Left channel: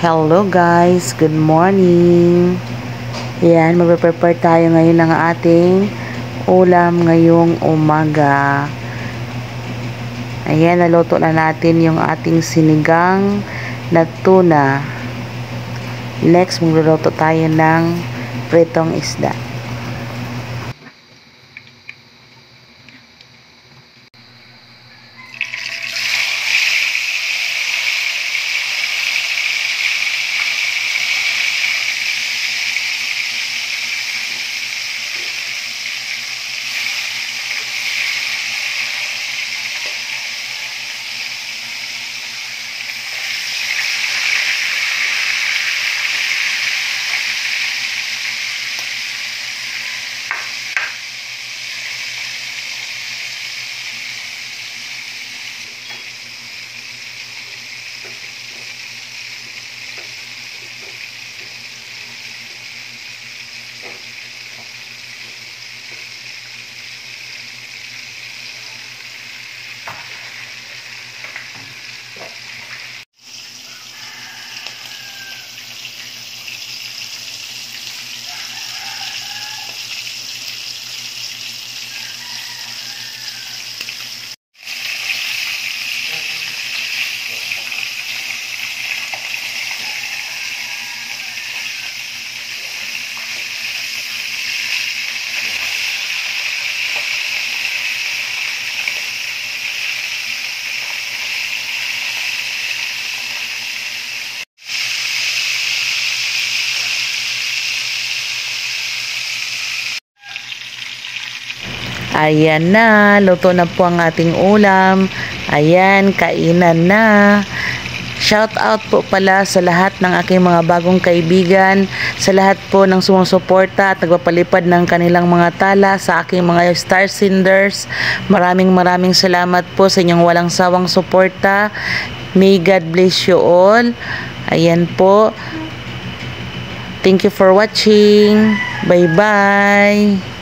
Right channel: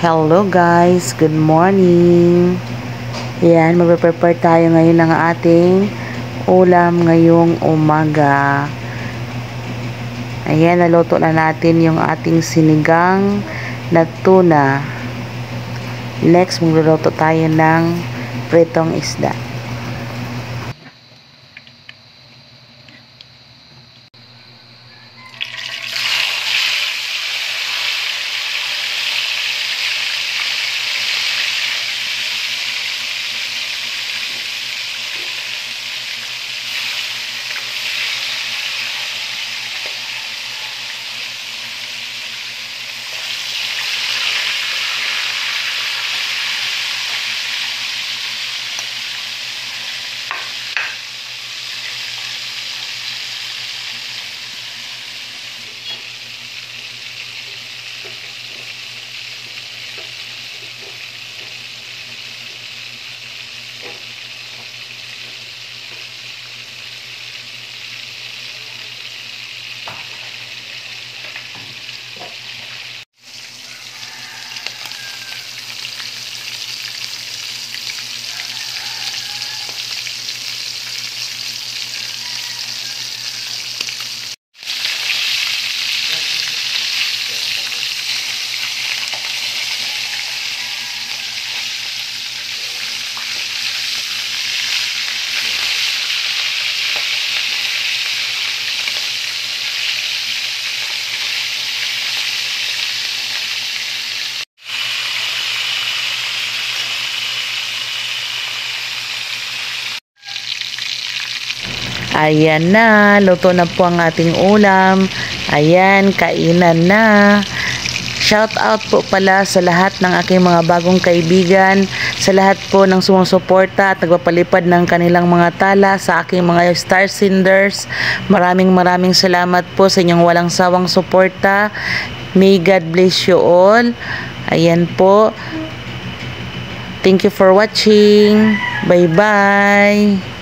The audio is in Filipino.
Hello guys, good morning. Yan, magpe-prepare tayo ngayon ng ating ulam ngayong umaga. Ayan, naluto na natin yung ating sinigang na tuna. Next, magluluto tayo ng pritong isda. Ayan na, luto na po ang ating ulam. Ayan, kainan na. Shout out po pala sa lahat ng aking mga bagong kaibigan, sa lahat po ng sumusuporta at nagpapalipad ng kanilang mga tala sa aking mga star senders. Maraming salamat po sa inyong walang sawang suporta. May God bless you all. Ayan po. Thank you for watching. Bye-bye.